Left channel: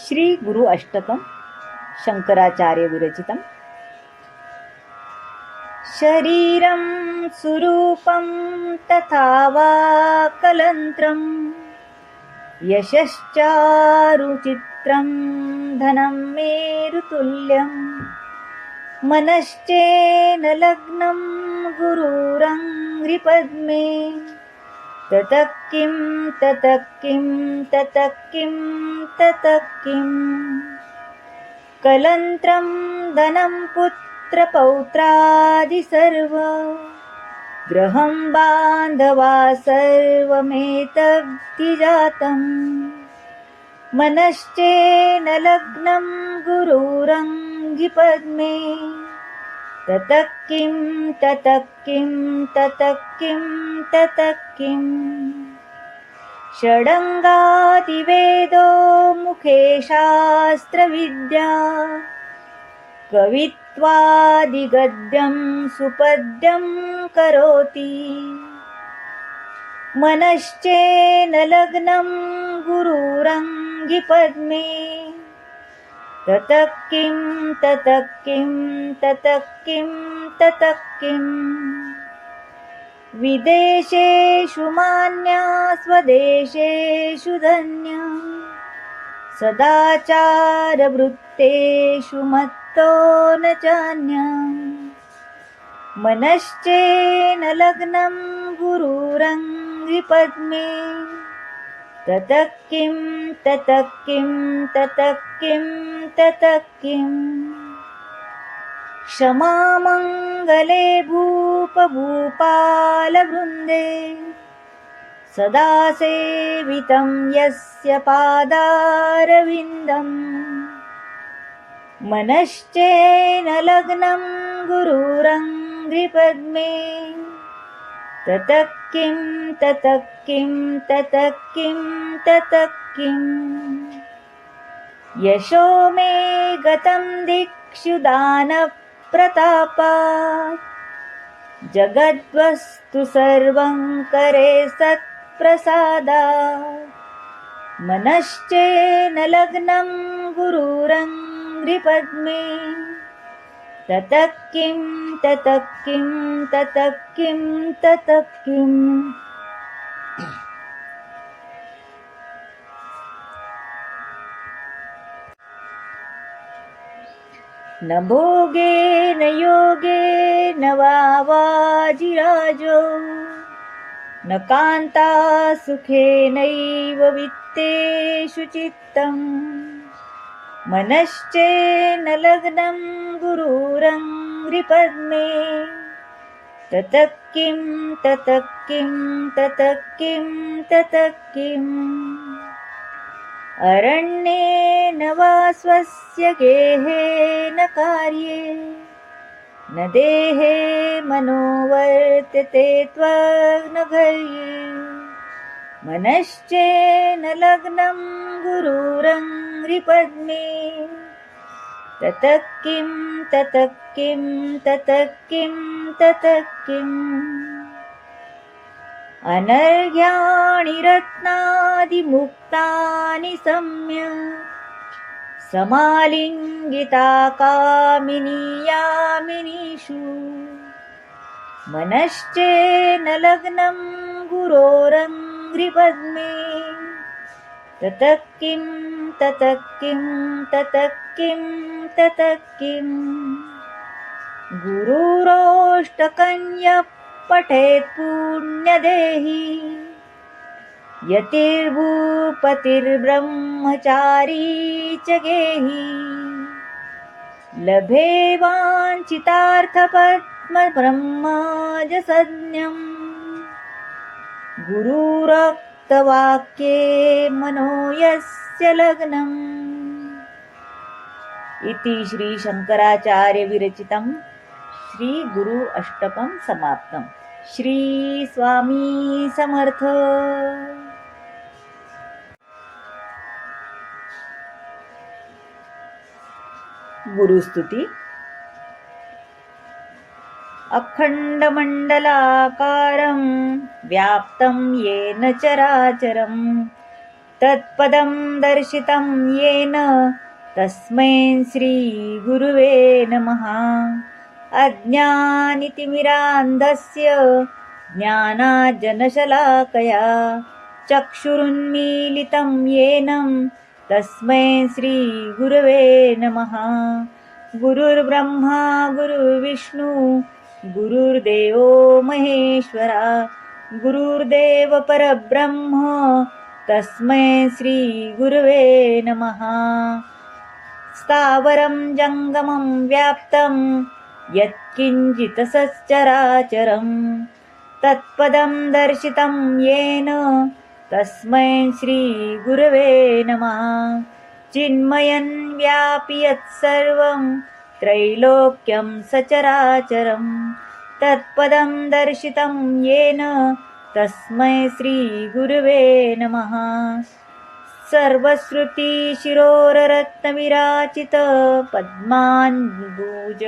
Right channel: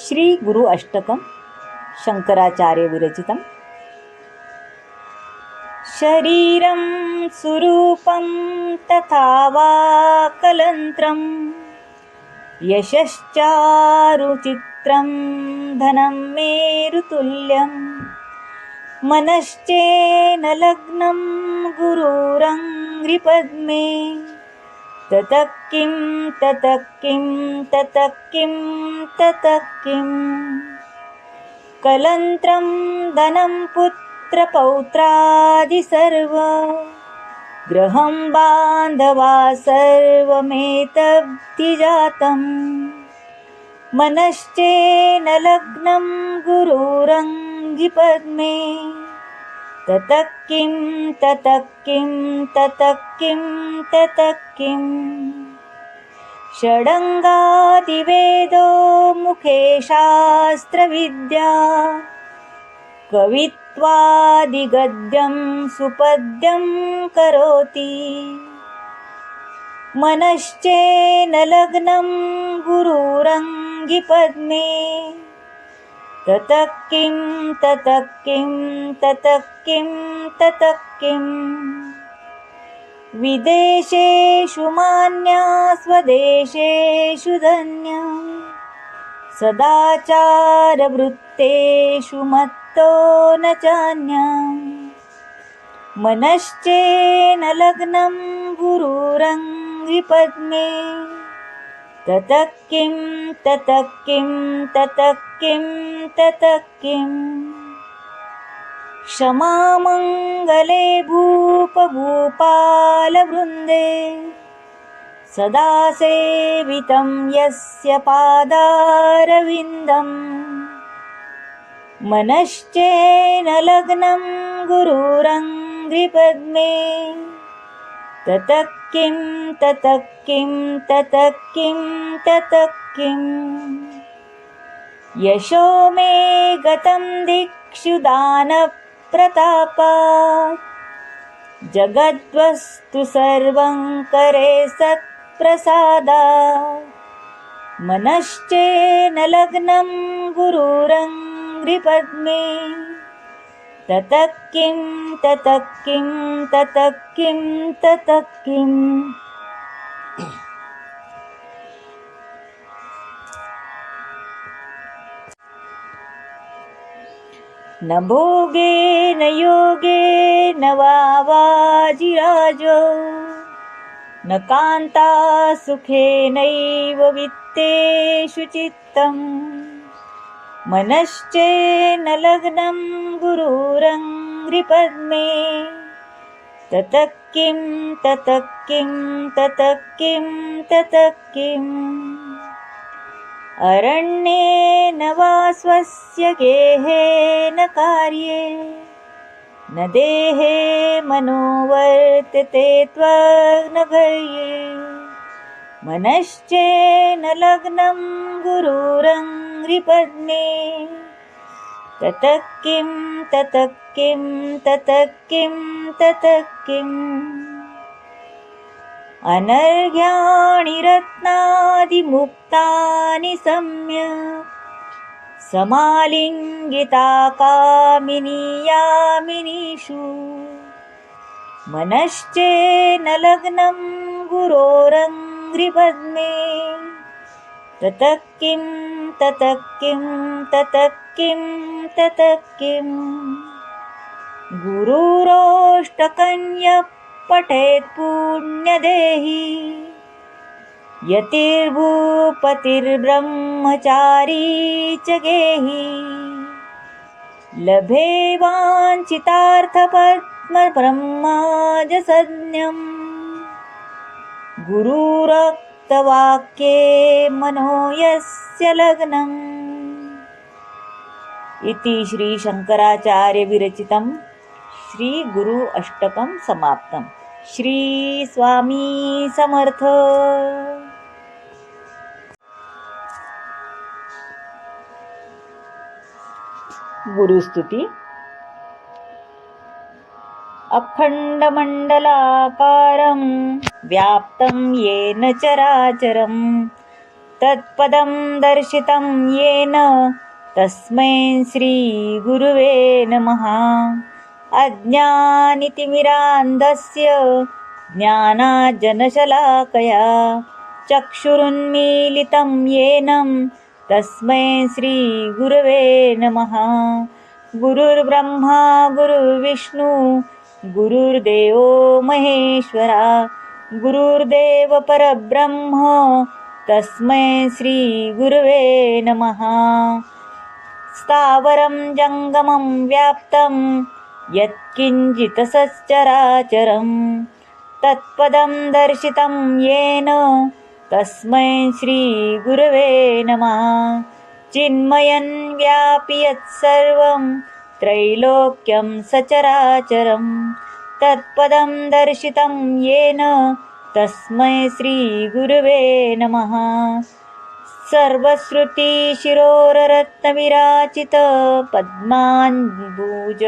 श्रीगुरु अष्टकं शङ्कराचार्यविरचितम् शरीरं सुरूपं तथा वा कलन्त्रं यशश्चारुचित्रं धनं मेरुतुल्यं मनश्चेन लग्नं गुरुरङ्घ्रिपद्मे। ततः किं ततः किं ततः किं ततः किम् कलन्त्रं धनं पुत्रपौत्रादि सर्व। गृहं बान्धवा सर्वमेतब्धिजातं मनश्चेन लग्नं गुरुरङ्गिपद्मे ततः किं ततः किं ततः किं ततः किम् षडङ्गादिवेदो मुखे शास्त्रविद्या कवित्वादिगद्यं सुपद्यं करोति। मनश्चेन लग्नं गुरुरङ्गिपद्मे ततः किं ततः किं ततः किं ततः किम् विदेशेषु मान्या स्वदेशेषु धन्या। सदाचारवृत्तेषु मत्तो न चान्या। मनश्चेन लग्नं गुरुरङ्गिपद्मे ततः किं ततः किं ततः किं ततः किम् क्षमामङ्गले भूपभूपालवृन्दे सदा सेवितं यस्य पादारविन्दम् मनश्चेन लग्नं गुरुरङ्घ्रिपद्मे ततः किं ततः किं ततः किं ततः किम् यशो मे गतं दिक्षुदानप्रतापा जगद्वस्तु सर्वं करे सत्प्रसादा। मनश्चेन लग्नं गुरुरङ्घ्रिपद्मे ततः किं ततः किं ततः किं ततः किम् न भोगे न योगे न वाजिराजो न कान्ता सुखेनैव वित्तेषु चित्तम् मनश्चेन लग्नं गुरुरङ्घ्रिपद्मे ततः किं ततः किं ततः किं ततः किम्? अरण्येन वा स्वस्य गेहेन कार्ये न देहे मनो वर्तते त्वग्नघर्ये मनश्चेन लग्नं गुरुरङ्घ्रिपद्मे ततः किं ततः किं ततः किं ततः किम् अनर्घ्याणि रत्नादिमुक्तानि सम्यक्। समालिङ्गिता कामिनीयामिनीषु मनश्चेन लग्नं गुरोरङ्घ्रिपद्मे ततः किं ततः किं ततः किं ततः किम् गुरुरोष्टकन्यः पठेत् पुण्यदेहि यतिर्भूपतिर्ब्रह्मचारी च गेहि। लभे वाञ्छितार्थपद्मब्रह्मजसज्ञम् गुरुरक्तवाक्ये मनो यस्य लग्नम्। इति श्रीशङ्कराचार्यविरचितं श्रीगुरु अष्टकं समाप्तं। श्रीस्वामी समर्थ। गुरुस्तुति। अखण्डमण्डलाकारं व्याप्तं येन चराचरं तत्पदं दर्शितं येन तस्मै श्रीगुरुवे नमः। अज्ञानितिमिरान्धस्य ज्ञानाजनशलाकया चक्षुरुन्मीलितं येन तस्मै श्रीगुरवे नमः। गुरुर्ब्रह्मा गुरुर्विष्णु गुरुर्देवो महेश्वरा गुरुर्देव परब्रह्म तस्मै श्रीगुरवे नमः। स्थावरं जङ्गमं व्याप्तं यत्किञ्चित् सच्चराचरं तत्पदं दर्शितं येन तस्मै श्रीगुरवे नमः। चिन्मयन् व्यापि यत्सर्वं त्रैलोक्यं सचराचरं तत्पदं दर्शितं येन तस्मै श्रीगुरुवे नमः। सर्वश्रुतिशिरोररत्नविराचित पद्मान्बूज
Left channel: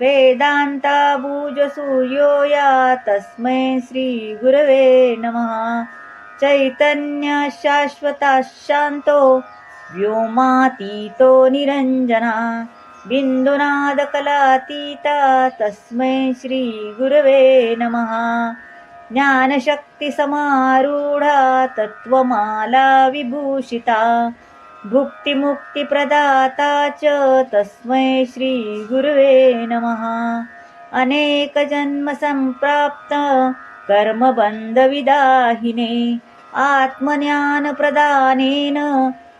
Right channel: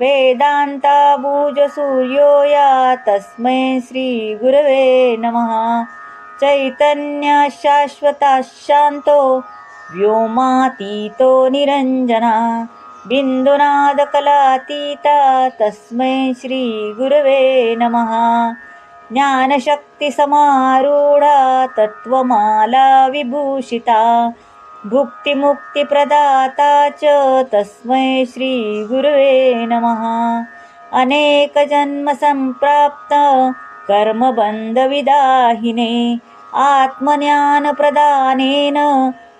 वेदान्ताबूजसूर्यो या तस्मै श्रीगुरवे नमः। चैतन्यशाश्वतः शान्तो व्योमातीतो निरञ्जना बिन्दुनादकलातीता तस्मै श्रीगुरवे नमः। ज्ञानशक्तिसमारूढा तत्त्वमाला विभूषिता भुक्तिमुक्तिप्रदाता च तस्मै श्रीगुरवे नमः। अनेकजन्मसम्प्राप्त कर्मबन्धविदाहिने आत्मज्ञानप्रदानेन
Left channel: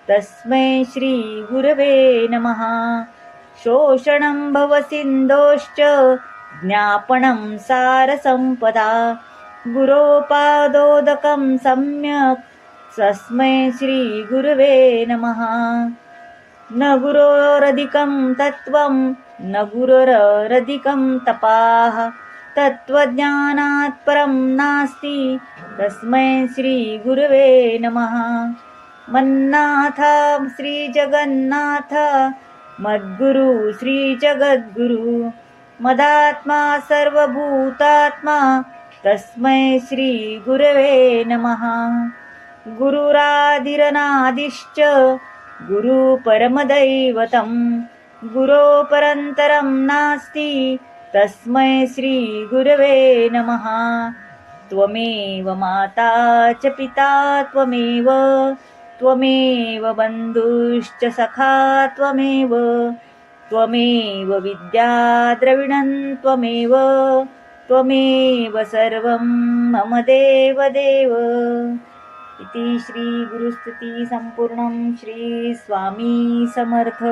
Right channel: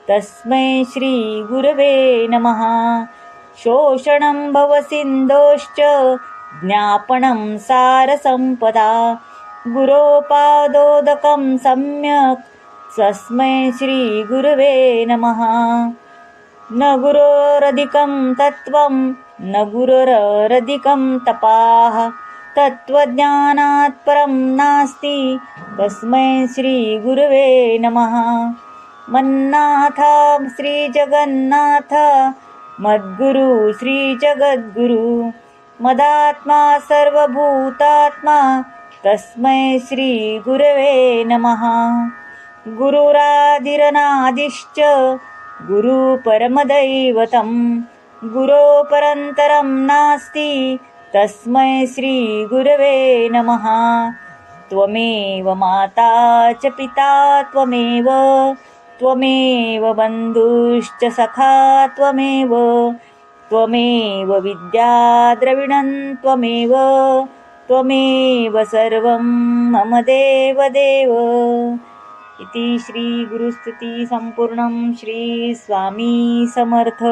तस्मै श्रीगुरवे नमः। शोषणं भवसिन्धोश्च ज्ञापनं सारसम्पदा। गुरोपादोदकं सम्यक् तस्मै श्रीगुरवे नमः। न गुरोरधिकं तत्त्वं न गुरोरधिकं तपाः। तत्त्वज्ञानात् परं नास्ति तस्मै श्रीगुरवे नमः। मन्नाथ श्रीजगन्नाथ मद्गुरु श्रीजगद्गुरु मदात्मा सर्वभूतात्मा तस्मै श्रीगुरवे नमः। गुरुराधिरनादिश्च गुरुपरमदैवतं गुरोपरन्तरं नास्ति तस्मै श्रीगुरवे नमः। त्वमेव माता च पिता त्वमेव त्वमेव बन्धुश्च सखा त्वमेव त्वमेव विद्या विद्याद्रविणं त्वमेव त्वमेव सर्वं मम देवदेव। इति श्रीगुरुस्तुतिसम्पूर्णं श्रीस्वामी समर्थ।